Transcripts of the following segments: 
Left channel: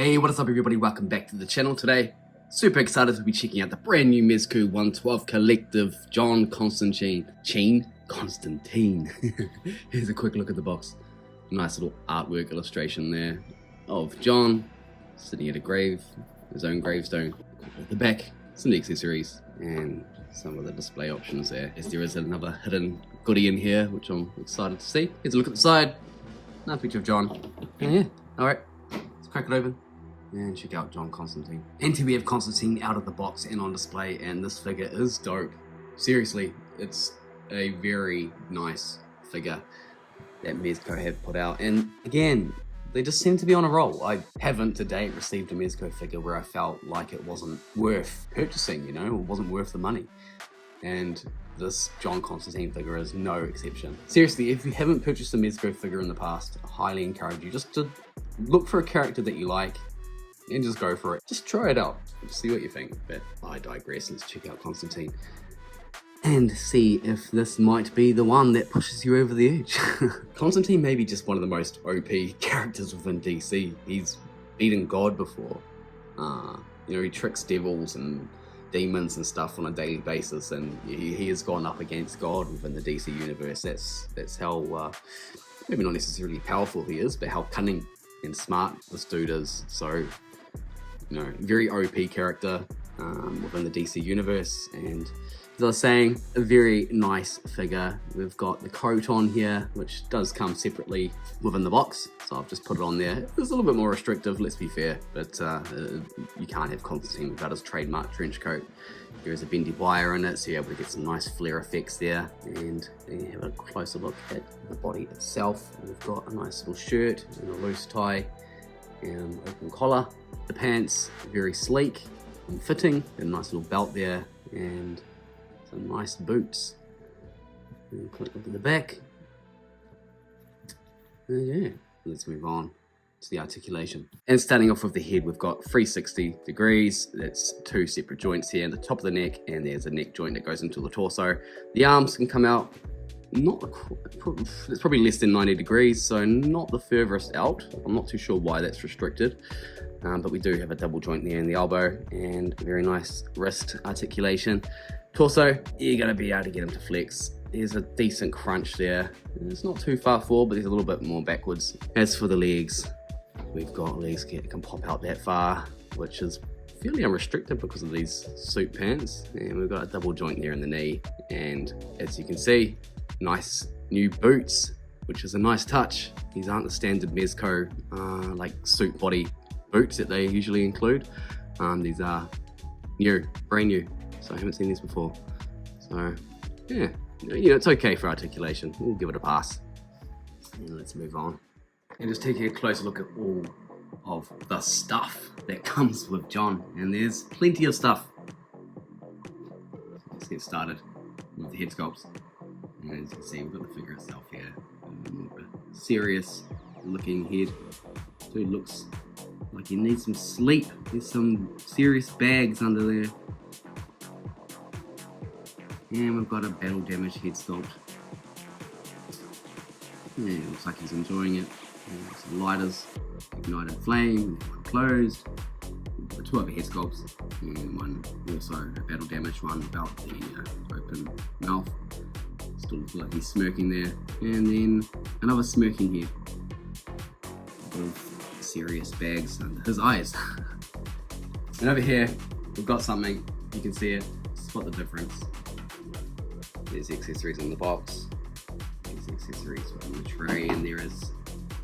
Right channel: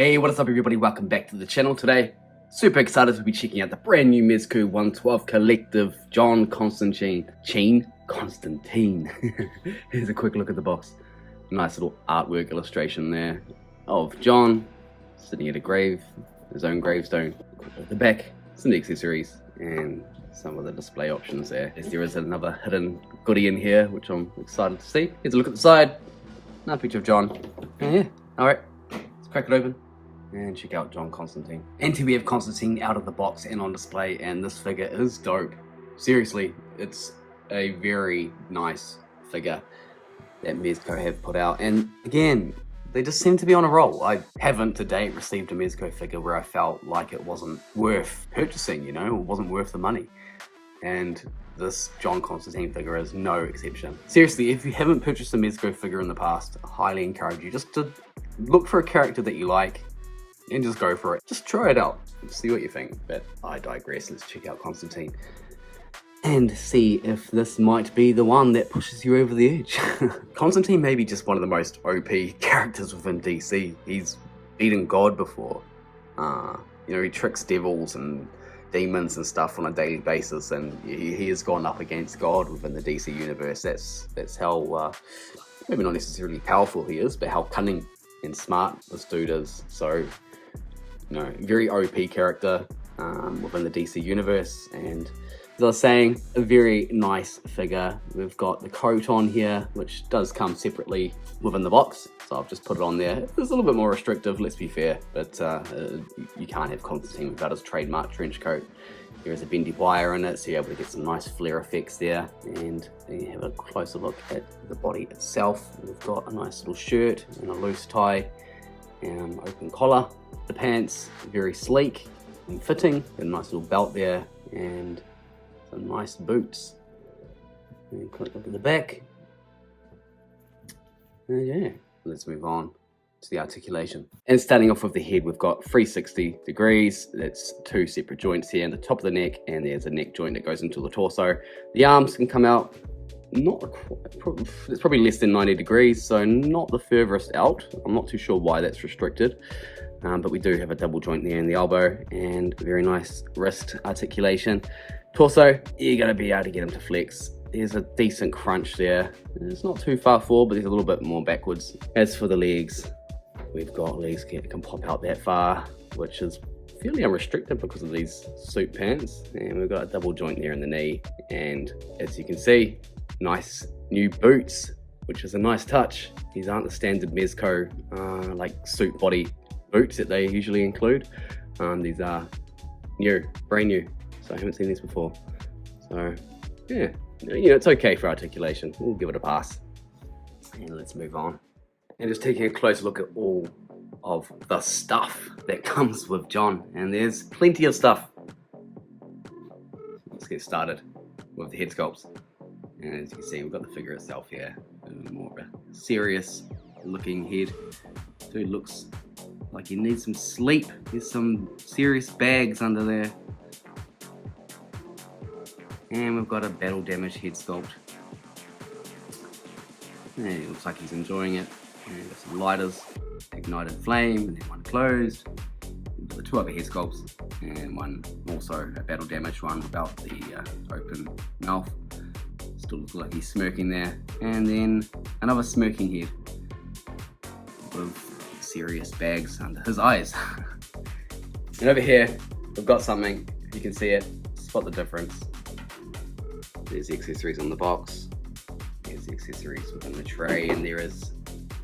Hey, what is up everybody? Welcome back to the channel today. Super excited to be checking out the brand new Mezco 112 Collective John Constantine. Constantine. Here's a quick look at the box. Nice little artwork illustration there of John sitting at a grave, his own gravestone. At the back, some accessories and some of the display options there. As there is another hidden goodie in here, which I'm excited to see. Here's a look at the side. Another picture of John. And yeah, alright. Let's crack it open and check out John Constantine. And here we have Constantine out of the box and on display, and this figure is dope. Seriously, it's a very nice figure that Mezco have put out. And again, they just seem to be on a roll. I haven't to date received a Mezco figure where I felt like it wasn't worth purchasing, you know, it wasn't worth the money. And this John Constantine figure is no exception. Seriously, if you haven't purchased a Mezco figure in the past, I highly encourage you just to look for a character that you like and just go for it. Just try it out, see what you think. But I digress. Let's check out Constantine and see if this might be the one that pushes you over the edge. Constantine may be just one of the most OP characters within DC. He's beaten God before. You know, he tricks devils and demons and stuff on a daily basis, and he has gone up against God within the DC universe. That's how maybe not necessarily powerful he is, but how cunning and smart this dude is. So, you know, very OP character within the DC universe. And as I was saying, a very nice figure. We've got the coat on here, which does come separately within the box, so I've just put it on there. It's a little bit more restrictive, let's be fair, but you can't have Constantine without his trademark trench coat. There is a bendy wire in it, so you're able to get some nice flare effects there. And you have a closer look at the body itself. We've got a nice little shirt and a loose tie and open collar. The pants, very sleek and fitting, and a nice little belt there, and some nice boots. And quick look at the back. And yeah, let's move on to the articulation. And starting off with the head, we've got 360 degrees. That's two separate joints here in the top of the neck, and there's a neck joint that goes into the torso. The arms can come out it's probably less than 90 degrees, so not the furthest out. I'm not too sure why that's restricted, but we do have a double joint there in the elbow, and very nice wrist articulation. Torso, you're going to be able to get him to flex. There's a decent crunch there. It's not too far forward, but there's a little bit more backwards. As for the legs, we've got legs that can pop out that far, which is fairly unrestricted because of these suit pants. And we've got a double joint there in the knee, and as you can see, nice new boots, which is a nice touch. These aren't the standard Mezco like suit body boots that they usually include. These are new, brand new, so I haven't seen these before. So yeah, you know, it's okay for articulation. We'll give it a pass. And let's move on. And just taking a closer look at all of the stuff that comes with John, and there's plenty of stuff. Let's get started with the head sculpts. And as you can see, we've got the figure itself here, more of a serious looking head. Dude looks like he needs some sleep. There's some serious bags under there. And we've got a battle damaged head sculpt. And it looks like he's enjoying it. And some lighters, ignited flame, and then one closed. We've got two other head sculpts, and one also a battle damaged one without the open mouth. Still looks like he's smirking there. And then another smirking head with serious bags under his eyes. And over here, we've got something. You can see it. Spot the difference. There's the accessories on the box. There's the accessories within the tray, and there is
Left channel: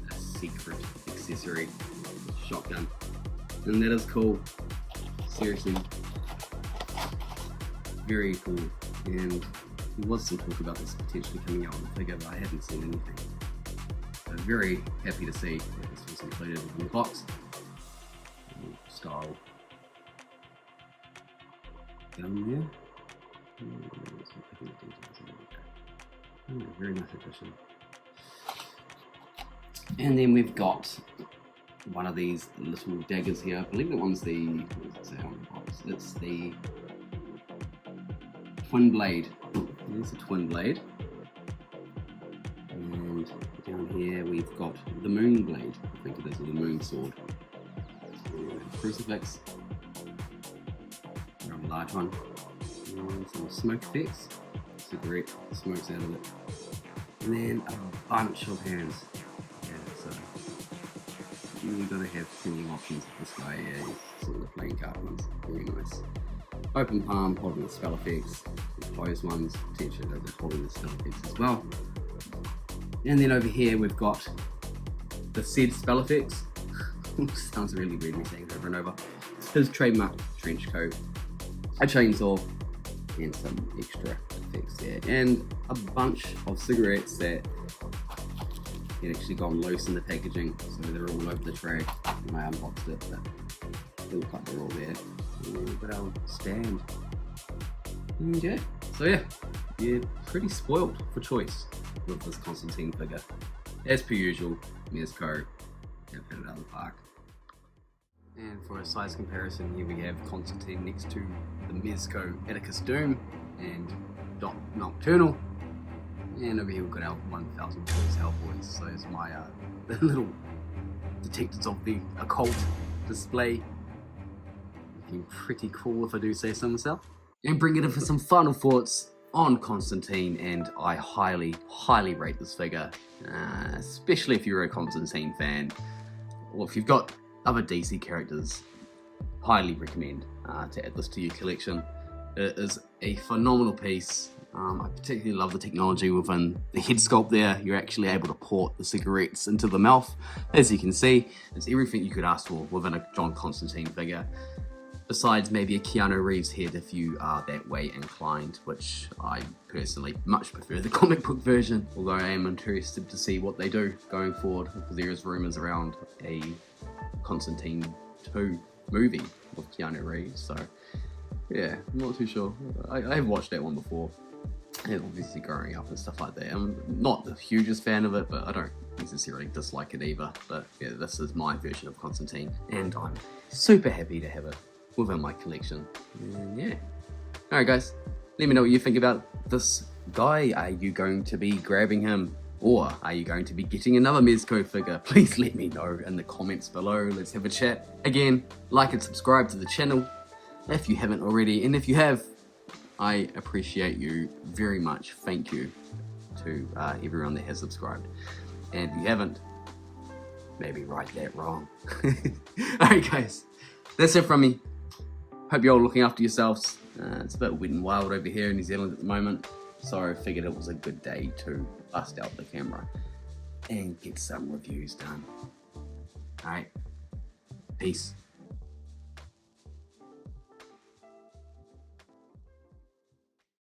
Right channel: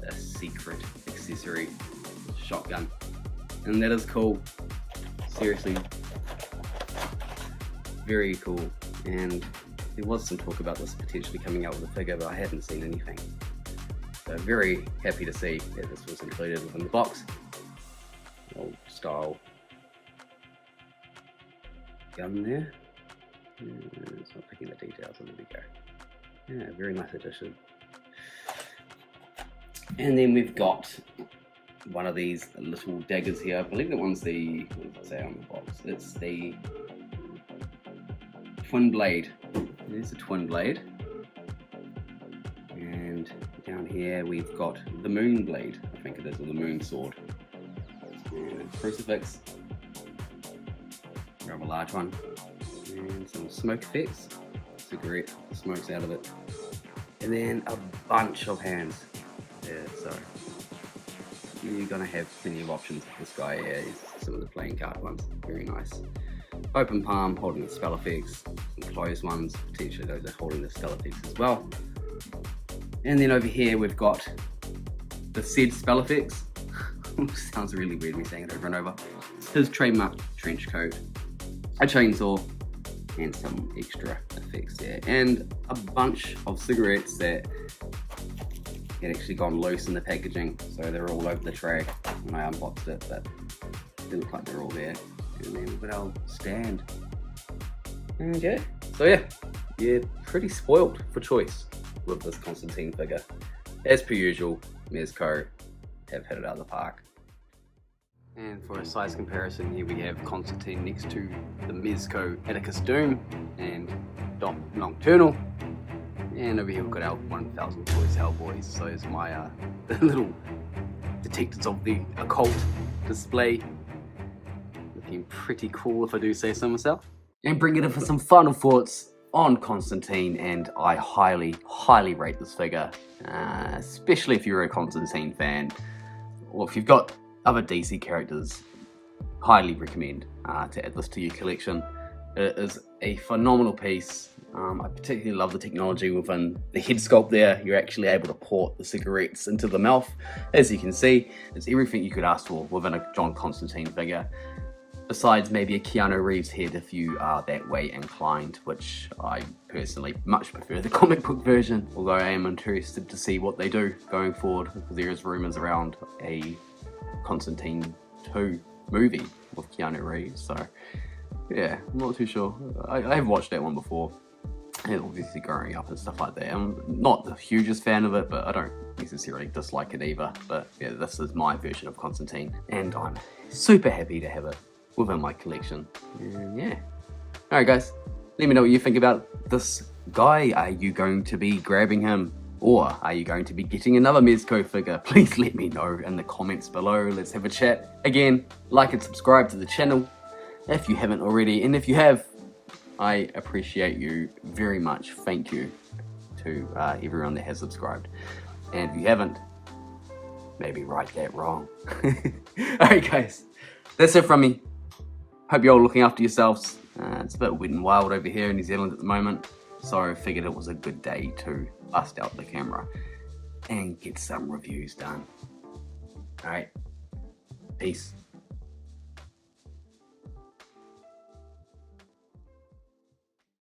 a secret accessory, shotgun. And that is cool. Seriously, very cool. And there was some talk about this potentially coming out with a figure, but I haven't seen anything. So very happy to see that this was included within the box. Old style gun there. It's not picking the details, there we go. Yeah, very nice addition. And then we've got one of these little daggers here. I believe that one's the, what does it say on the box? It's the twin blade. There's the twin blade. And down here we've got the moon blade, I think it is, or the moon sword. crucifix, grab a large one, and some smoke effects, cigarette, smokes out of it, and then a bunch of hands. Yeah, so you're gonna have plenty of options with this guy here. Some of the playing card ones, very nice. Open palm, holding the spell effects, and closed ones, potentially those are holding the spell effects as well. And then over here we've got the said spell effects. Sounds really weird me saying it over and over. His trademark trench coat, a chainsaw, and some extra effects there, and a bunch of cigarettes that had actually gone loose in the packaging, so they're all over the tray when I unboxed it, but still like they're all there. And then we've got our stand. And yeah, so yeah, pretty spoiled for choice with this Constantine figure. As per usual, Mezco have hit it out of the park. And for a size comparison, here we have Constantine next to the Mezco Atticus Doom and Nocturnal. And over here we've got our 1000 Toys Hellboys. So it's my little detectives of the occult display. Looking pretty cool if I do say so myself. And bring it in for some final thoughts on Constantine, and I highly rate this figure, especially if you're a Constantine fan, or if you've got other DC characters. Highly recommend to add this to your collection. It is a phenomenal piece. I particularly love the technology within the head sculpt there. You're actually able to port the cigarettes into the mouth. As you can see, it's everything you could ask for within a John Constantine figure. Besides maybe a Keanu Reeves head if you are that way inclined, which I personally much prefer the comic book version, although I am interested to see what they do going forward, because there is rumours around a Constantine 2 movie with Keanu Reeves, so yeah, I'm not too sure. I have watched that one before, and obviously growing up and stuff like that. I'm not the hugest fan of it, but I don't necessarily dislike it either. But yeah, this is my version of Constantine, and I'm super happy to have it within my collection. And yeah. Alright guys, let me know what you think about this guy. Are you going to be grabbing him? Or are you going to be getting another Mezco figure? Please let me know in the comments below. Let's have a chat. Again, like and subscribe to the channel if you haven't already. And if you have, I appreciate you very much. Thank you to everyone that has subscribed. And if you haven't, maybe right that wrong. Alright guys, that's it from me. Hope you're all looking after yourselves. It's a bit wet and wild over here in New Zealand at the moment, so I figured it was a good day to bust out the camera and get some reviews done. Alright, peace.